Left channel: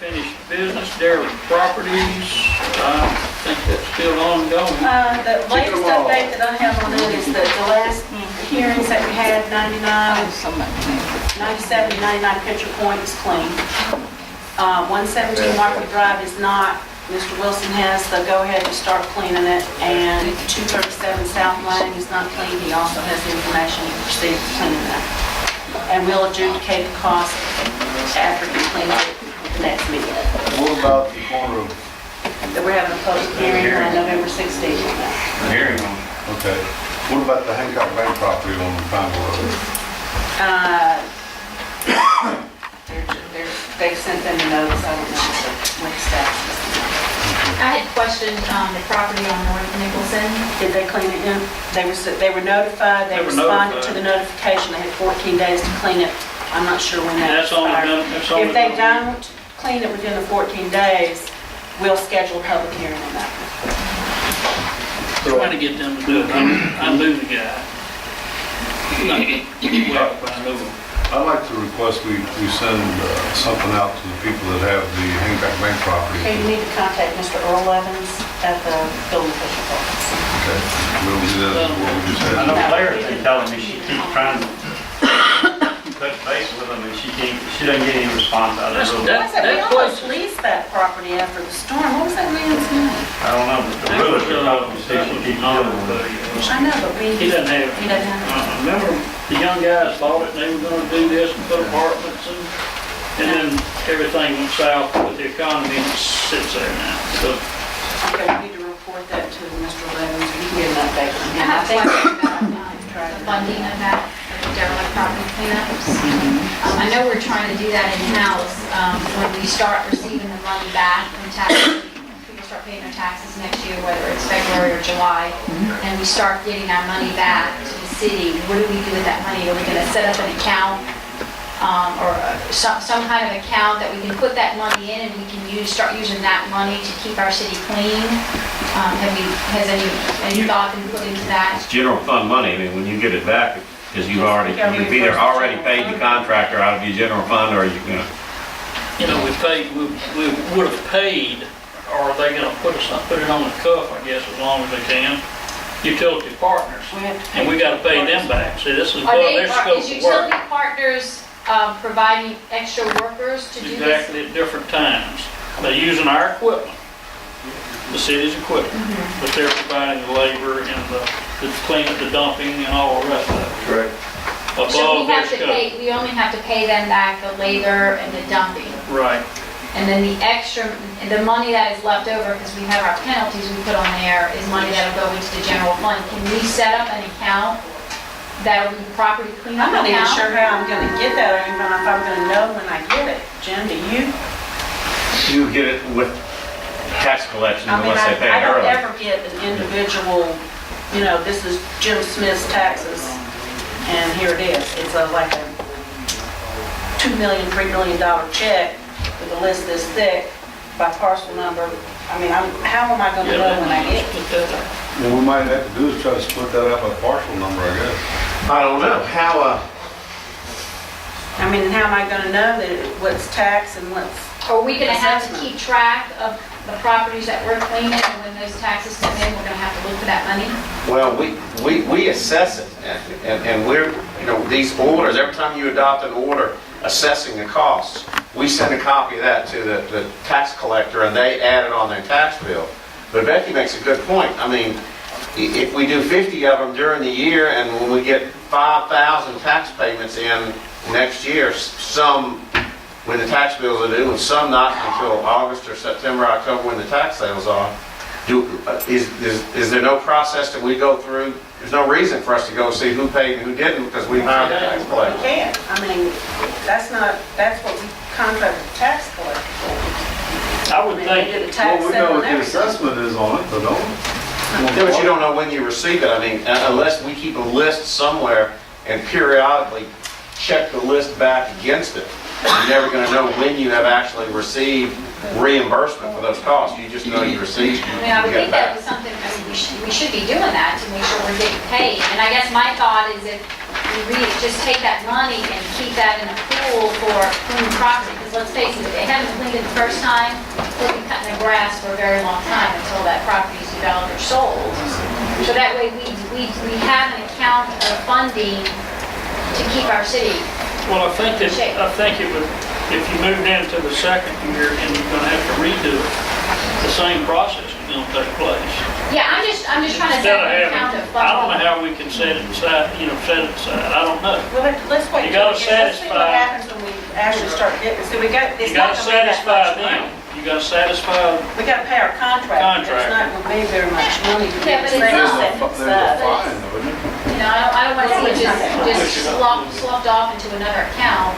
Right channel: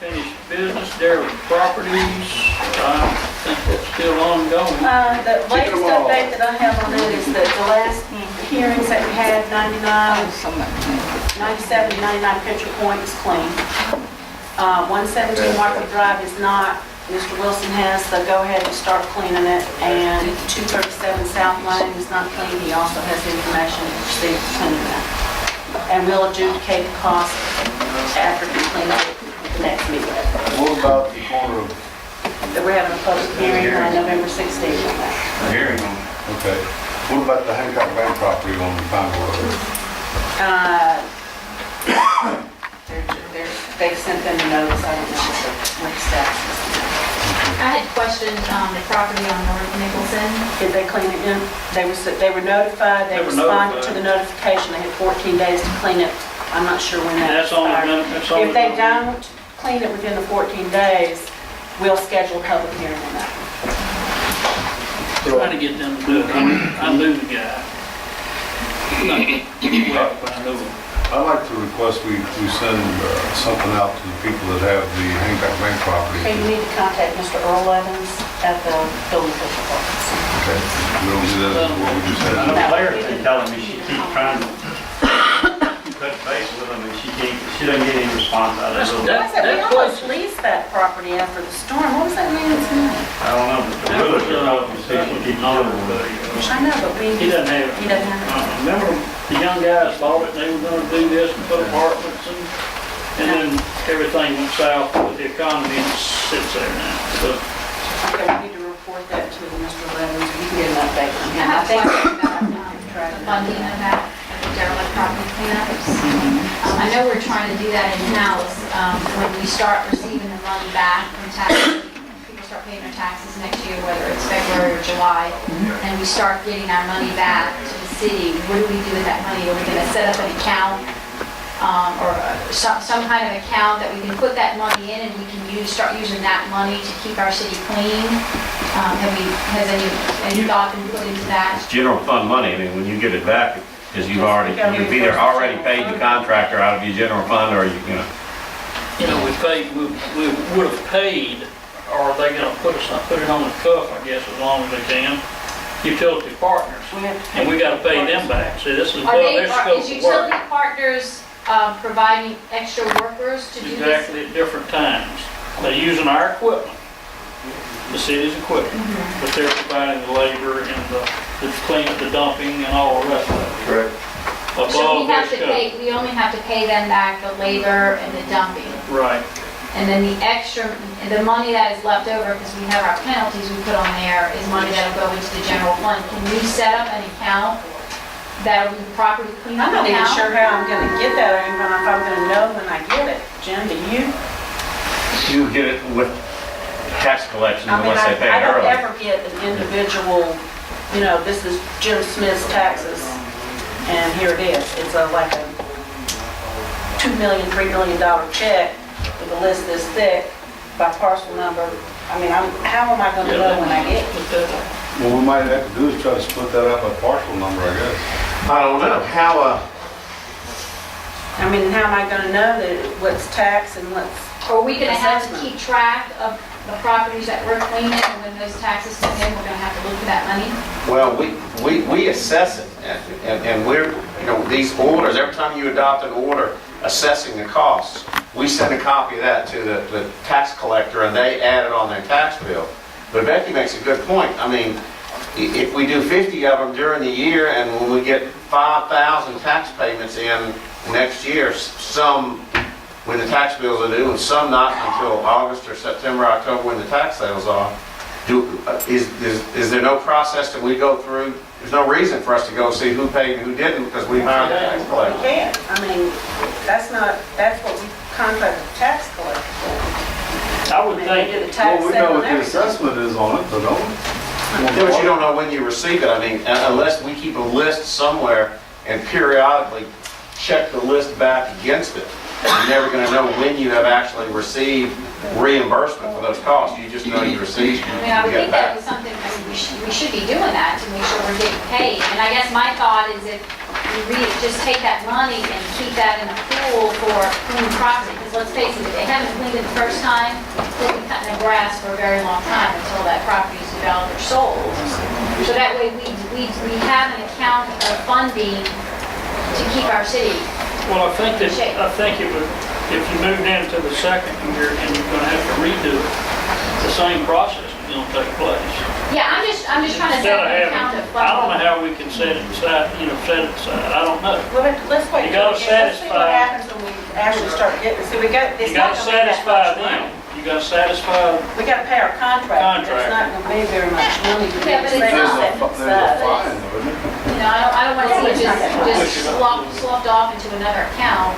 unfinished business, derelict properties. I think that's still ongoing. The latest update that I have on it is that the last hearings that we had, 97, 99 Pitcher Point is clean. 117 Market Drive is not. Mr. Wilson has the go-ahead to start cleaning it, and 237 South Lane is not clean. He also has the information to proceed with cleaning that. And we'll adjudicate the cost after we clean it at the next meeting. What about the corner of, That we're having a public hearing on November 16th on that. Hearing on. okay, what about the Hancock Bank property on Pineville Road? They've sent them a notice. I don't know what the status is. I had questioned the property on North Nicholson. Did they clean it in? They were notified, they They were responded to notified. the notification, they had 14 days to clean it. I'm not sure when that That's only expired. been- that's only If they been- don't clean it within the 14 days, we'll schedule a public hearing on that one. Trying to get them to do it. I knew the guy. Not well, but I knew him. I'd like to request we send something out to the people that have the Hancock Bank property. Okay, you need to contact Mr. Earl Evans at the building official's office. Okay, we'll do that, as what we just I know had. Claire's been telling me she keeps trying to touch base with them and she doesn't get any response out of That's- it. What was that? We That almost place- leased that property after the storm. What was that man's name? I don't know, but the realtor told me, said she keeps No, doing it. I know, but He doesn't have it. He doesn't have it. Remember, the young guys bought it, and they were gonna do this and put apartments and then everything went south with the economy and it sits there now. So, Okay, we need to report that to Mr. Evans. You can get an update from I him. have a think- question about the funding of that, of the derelict property cleanups. I know we're trying to do that in-house. When we start receiving the money back from taxes, people start paying their taxes next year, whether it's February or July, and we start getting our money back to the city, what do we do with that money? Are we going to set up an account or some kind of account that we can put that money in and we can start using that money to keep our city clean? Has any thought been put into that? It's general fund money. I mean, when you get it back, because you've either already paid the contractor out of your general fund or you know. we would have paid, or are they gonna put it on the cuff, I guess, as long as they can, utility partners. We have to pay. And we gotta pay them back. See, this is above Are their scope is of utility work. partners providing extra workers to do this? Exactly at different times. They're using our equipment, the city's equipment, but they're providing the labor and the cleaning, the dumping and all the rest of it. Correct. So Above we their have to scope. pay, we only have to pay them back the labor and the dumping. Right. And then the extra, the money that is left over, because we have our penalties we put on there, is money that'll go into the general fund. Can we set up an account that'll be property cleanup I'm not even account? sure how I'm gonna get that, or even if I'm gonna know when I get it. Jim, do you? You get it with tax collection I mean, unless they pay I don't early. ever get an individual, this is Jim Smith's taxes, and here it is. It's like a $2 million, $3 million check with a list this thick by parcel number. I mean, how am I gonna know when I get it? Put that up. What we might have to do is try to split that out by parcel number, I guess. I don't know. How, I mean, how am I gonna know that what's tax and what's, Are we gonna have to Assessment. keep track of the properties that we're cleaning, and when those taxes come in, we're gonna have to look for that money? well, we assess it and we're, these orders, every time you adopt an order assessing the costs, we send a copy of that to the tax collector and they add it on their tax bill. But Becky makes a good point. I mean, if we do 50 of them during the year and when we get 5,000 tax payments in next year, some when the tax bills are due and some not until August or September, October when the tax sales are, is there no process that we go through? There's no reason for us to go see who paid and who didn't because we hired the tax you collector. can't. I mean, that's what we contract the tax collector for. I I would mean, they think, do the tax Well, we know sale what and the everything. assessment is on it, though, don't we? Yeah, but you don't know when you receive it. I mean, unless we keep a list somewhere and periodically check the list back against it, you're never going to know when you have actually received reimbursement for those costs. You just know you received. I mean, I would think that was something, we should be doing that to make sure we're getting paid. And I guess my thought is if we just take that money and keep that in a pool for clean property, because let's face it, if they haven't cleaned it the first time, they've been cutting the grass for a very long time until that property is developed or sold. So that way, we have an account of funding to keep our city. Well, I think it would, if you moved into the second year and you're gonna have to redo it, the same process is gonna take place. Yeah, I'm just trying to Instead set of an account having, of I don't know funding. how we can set it aside, set it aside, I don't know. Well, let's wait. You gotta till we get- Let's see what satisfy- happens when we actually start getting, see, we got, it's You not gotta gonna be that satisfy much money. them, you gotta satisfy, We gotta pay our contract, it's not gonna be very much money to Yeah, but it's set not. it There's a aside. fine, though, isn't there? You know, I don't want to see it just sloughed off into another account.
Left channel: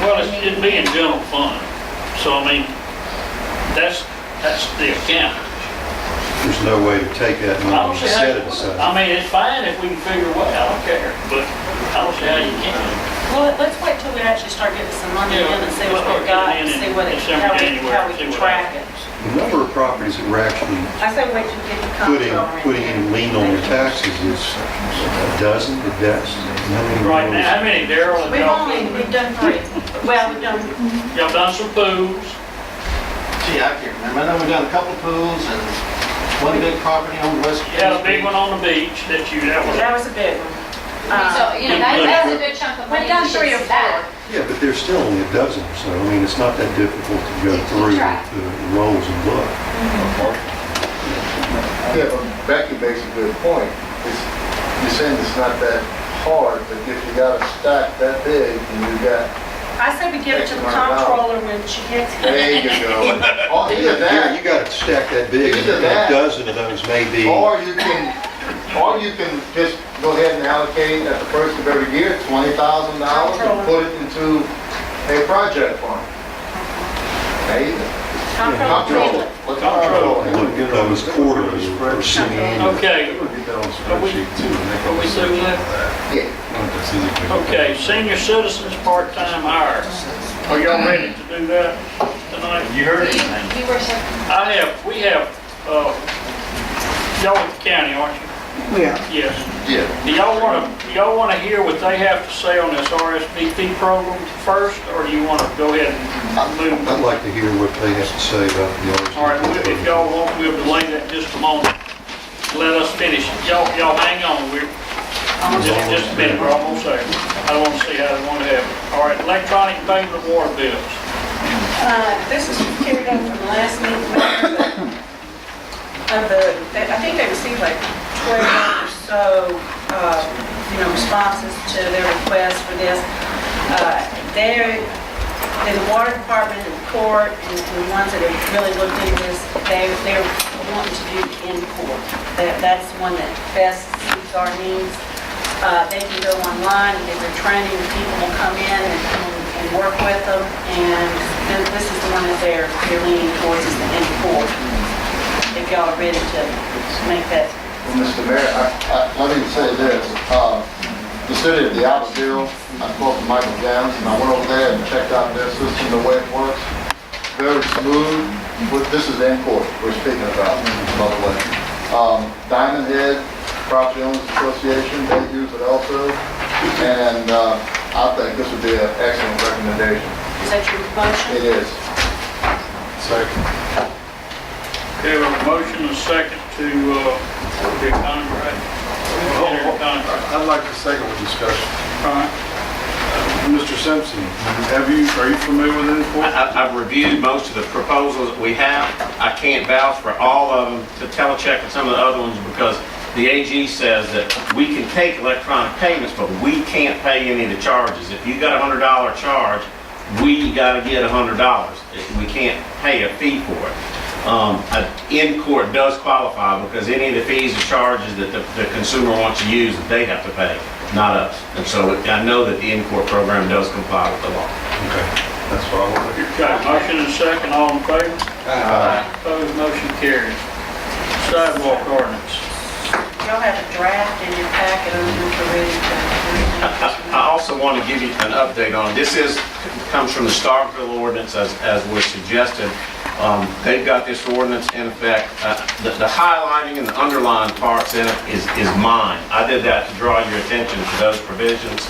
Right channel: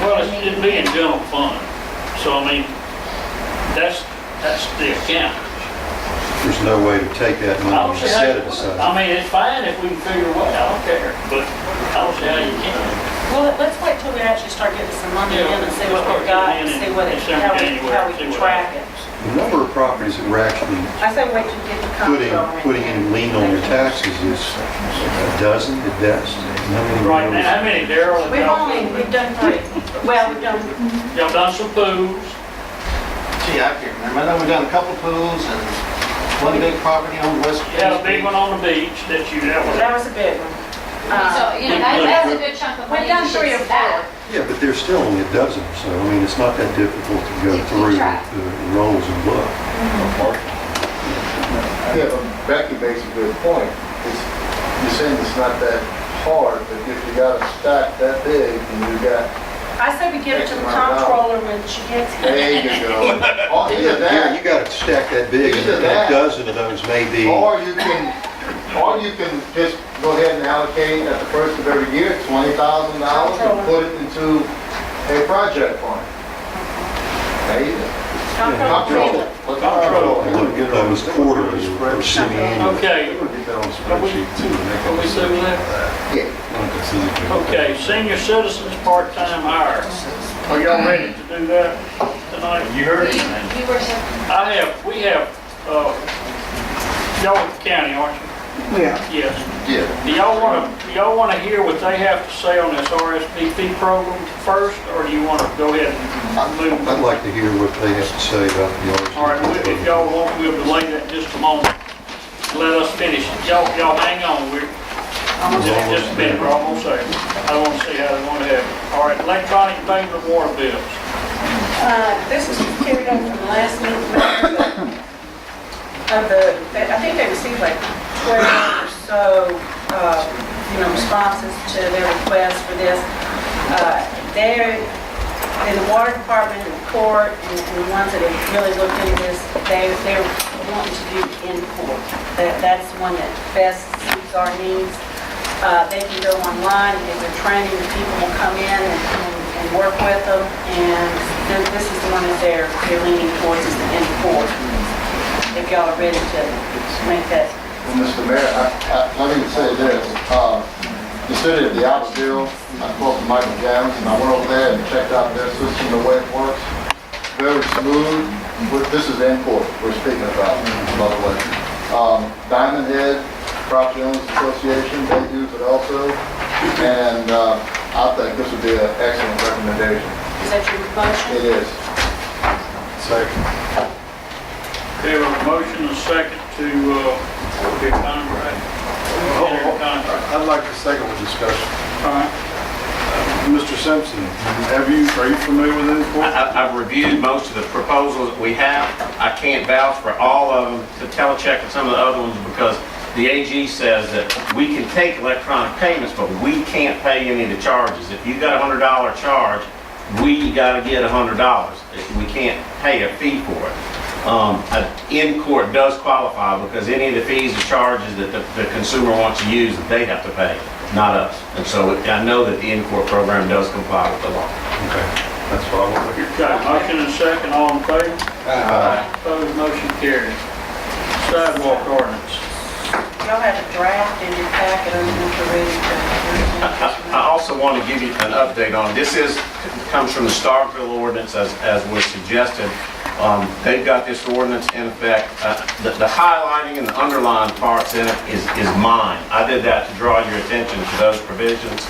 well, it'd be in general fund. So, I mean, that's the account. There's no way to take that I money don't and see set it how, aside. I mean, it's fine if we can figure a way, I don't care, but I don't see how you can. Well, let's wait till we actually start getting some money in Yeah, and see let's what start we've got, getting and in see what it, December, how we January, can see what track it. The number of properties that we're actually I say wait till we get the putting, comptroller in. putting any lien on their taxes is a dozen at best. How many Right of now, those? how many, Darryl and We've done 3. Well, we've done, y'all done some pools, Gee, I can't remember. I know we've done a couple pools and one big property on West. you had a big one on the beach that that was a big one. So, you know, that's a good chunk of money. We've done we should 3 or see that. 4. Yeah, but there's still only a dozen or so. I mean, it's not that difficult to go To keep through track. the rolls and look. Yeah, but Becky makes a good point. You're saying it's not that hard, but if you got a stack that big and you got, I say we give it to the comptroller when she gets there here. you go. Or either Yeah, you that, got a stack that big and Either a that. dozen of those may be. or you can just go ahead and allocate at the first of every year $20,000 and put it into a project fund. Hey, comptroller. What's comptroller? Look at those quarterly or semi-annual. Okay, It would get that on the Are we- spreadsheet too. and they can are we search through that? that. Yeah. Want to physically look at okay, it. senior citizens part-time hire. Are y'all ready to do that tonight? You heard anything? You were so, We have, y'all with the county, aren't you? Yes. Yeah. Do y'all wanna hear what they have to say on this RSVP program first, or do you wanna go ahead and move? I'd like to hear what they have to say about the RSVP. All right, if y'all want, we'll delay that just a moment. Let us finish. Y'all hang on, we're, just a minute, we're almost there. I want to see how they want to have it. All right, electronic payment of water bills. This is carried over from the last meeting. I think they received like 12 or so, responses to their request for this. In the water department and the court, and the ones that have really looked into this, they're wanting to do in court. That's the one that best suits our needs. They can go online, get their training, the people will come in and work with them, and this is the one that they're leaning towards, is the in court. If y'all are ready to make that. Well, Mr. Mayor, let me say this. The city of Diabloville, I spoke to Michael Jones, and I went over there and checked out their system, the way it works. Very smooth. This is in court we're speaking about, by the way. Diamond Head Property Owners Association, they use it also. And I think this would be an excellent recommendation. Is that your motion? It is. Second. Okay, we have a motion and a second to, be a contract. Enter a contract. I'd like to second the discussion. All right. Mr. Simpson, are you familiar with Infor? I've reviewed most of the proposals that we have. I can't vouch for all of them to telecheck and some of the other ones because the AG says that we can take electronic payments, but we can't pay any of the charges. If you got a $100 charge, we got to get $100. We can't pay a fee for it. In-court does qualify because any of the fees or charges that the consumer wants to use, they have to pay, not us. And so I know that the in-court program does comply with the law. Okay, that's what I want to hear. Okay, motion and a second, all in favor? Opposed, motion carries. Sidewalk ordinance. Y'all have a draft in your packet, I don't know if you're ready to. I also want to give you an update on, this comes from the Starkville ordinance as was suggested. They've got this ordinance in effect. The highlighting and the underlined parts in it is mine. I did that to draw your attention to those provisions.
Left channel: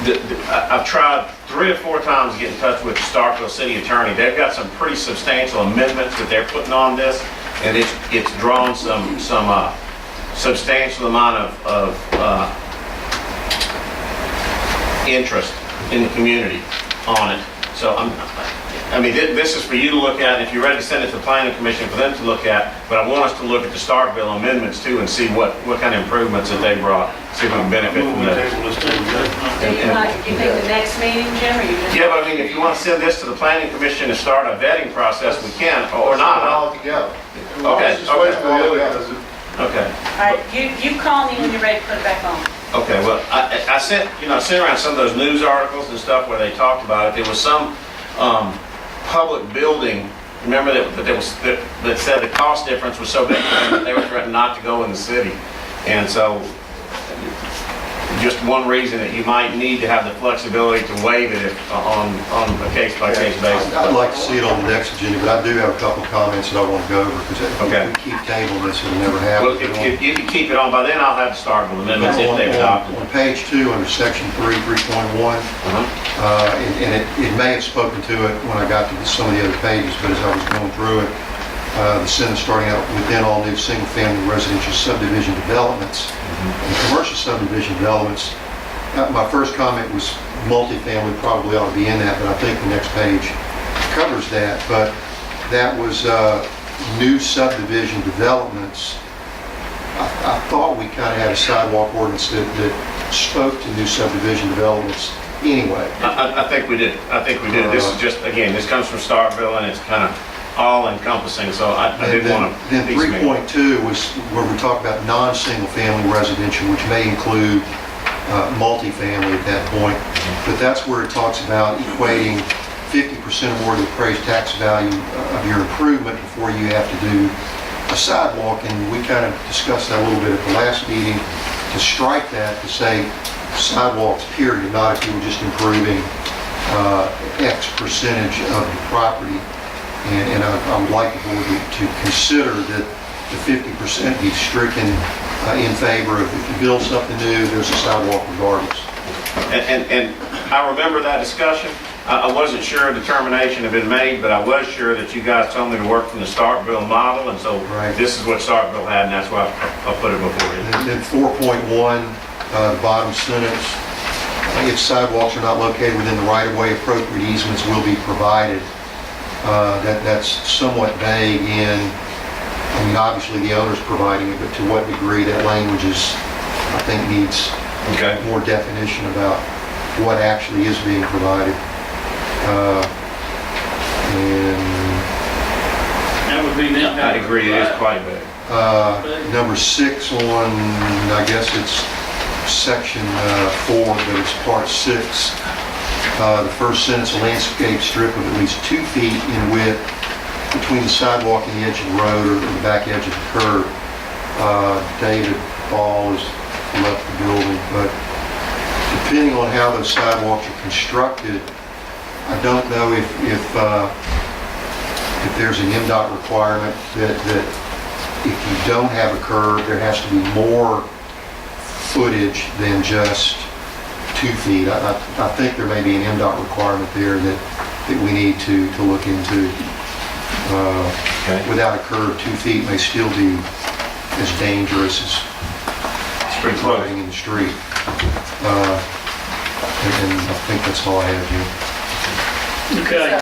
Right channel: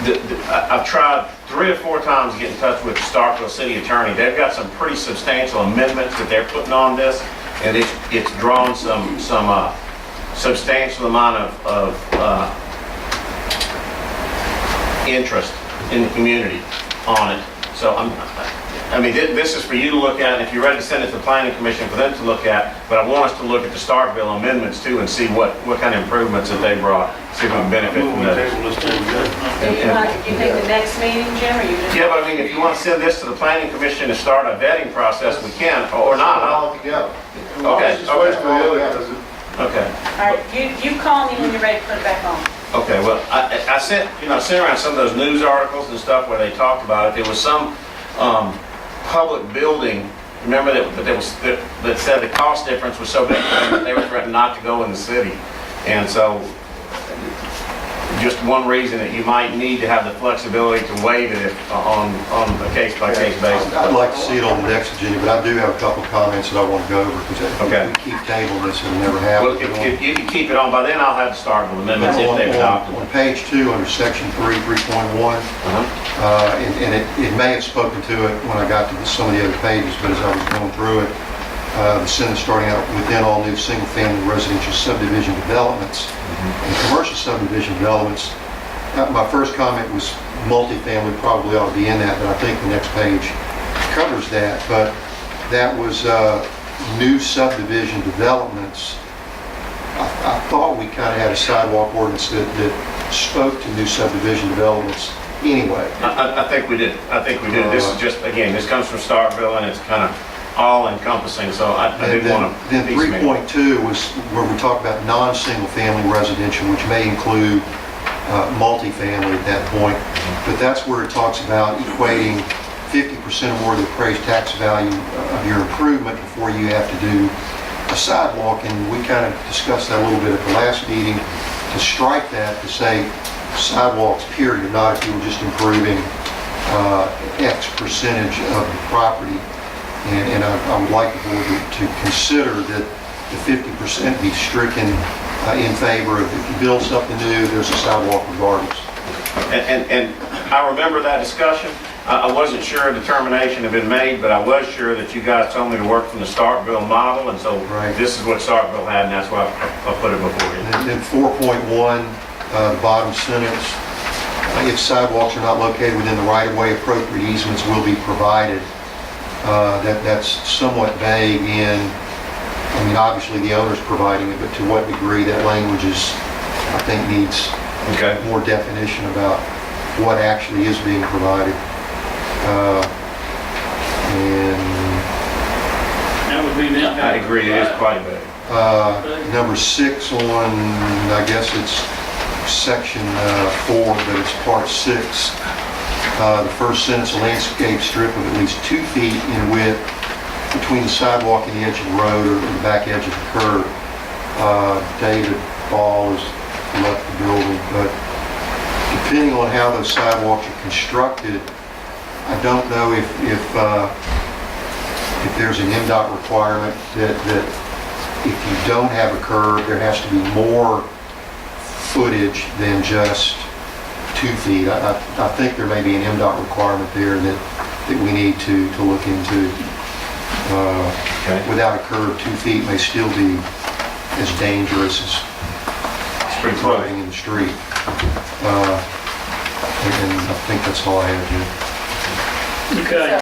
I've tried 3 or 4 times to get in touch with the Starkville City Attorney. They've got some pretty substantial amendments that they're putting on this, and it's drawn some substantial amount of interest in the community on it. So I mean, this is for you to look at, and if you're ready to send it to the Planning Commission for them to look at, but I want us to look at the Starkville amendments too and see what kind of improvements that they brought, see if we can benefit from Do those. you think the next meeting, Jim, or you just? Yeah, but I mean, if you want to send this to the Planning Commission to start a vetting process, we can, or not. All together. Okay, Just wait for the other, Okay, All right, you call me when you're ready to put it back on. okay, well, I sent around some of those news articles and stuff where they talked about it. There was some public building, remember that said the cost difference was so big that they were threatening not to go in the city. And so, just one reason that you might need to have the flexibility to waive it on a case-by-case basis. I'd like to see it on the next agenda, but I do have a couple of comments that I want to go over, because if Okay. we keep tabling this, it'll never Well, happen. if you can keep it on, by then I'll have to start with amendments if they've adopted. On page 2, under section 3.1, and it may have spoken to it when I got to some of the other pages, but as I was going through it, the sentence starting out, within all new single-family residential subdivision developments and commercial subdivision developments. My first comment was multifamily probably ought to be in that, but I think the next page covers that. But that was new subdivision developments. I thought we kind of had a sidewalk ordinance that spoke to new subdivision developments anyway. I think we did. This is just, again, this comes from Starkville and it's kind of all encompassing, so I did want to. Then 3.2 was where we talk about non-single family residential, which may include multifamily at that point. But that's where it talks about equating 50% or more of the appraised tax value of your improvement before you have to do a sidewalk. And we kind of discussed that a little bit at the last meeting, to strike that, to say sidewalks period, not if you were just improving X percentage of the property. And I would like the board to consider that the 50% be stricken in favor of, if you build something new, there's a sidewalk regardless. And I remember that discussion. I wasn't sure a determination had been made, but I was sure that you guys told me to work from the Starkville model, and so Right. this is what Starkville had, and that's why I put it before you. And then 4.1, bottom sentence, if sidewalks are not located within the right-of-way, appropriate easements will be provided. That's somewhat vague in, I mean, obviously the owner's providing it, but to what degree that language is, I think, needs Okay. more definition about what actually is being provided. And That would be that. I agree, it is quite big. number 6 on, I guess it's section 4, but it's part 6. The first sentence, a landscape strip of at least 2 feet in width between the sidewalk and the edge of the road or the back edge of the curb. David Ball has left the building, but depending on how those sidewalks are constructed, I don't know if there's an MDOT requirement that if you don't have a curb, there has to be more footage than just 2 feet. I think there may be an MDOT requirement there that we need to look into. Okay. Without a curb, 2 feet may still be as dangerous as It's pretty close. riding in the street. And I think that's all I have, Jim. Okay.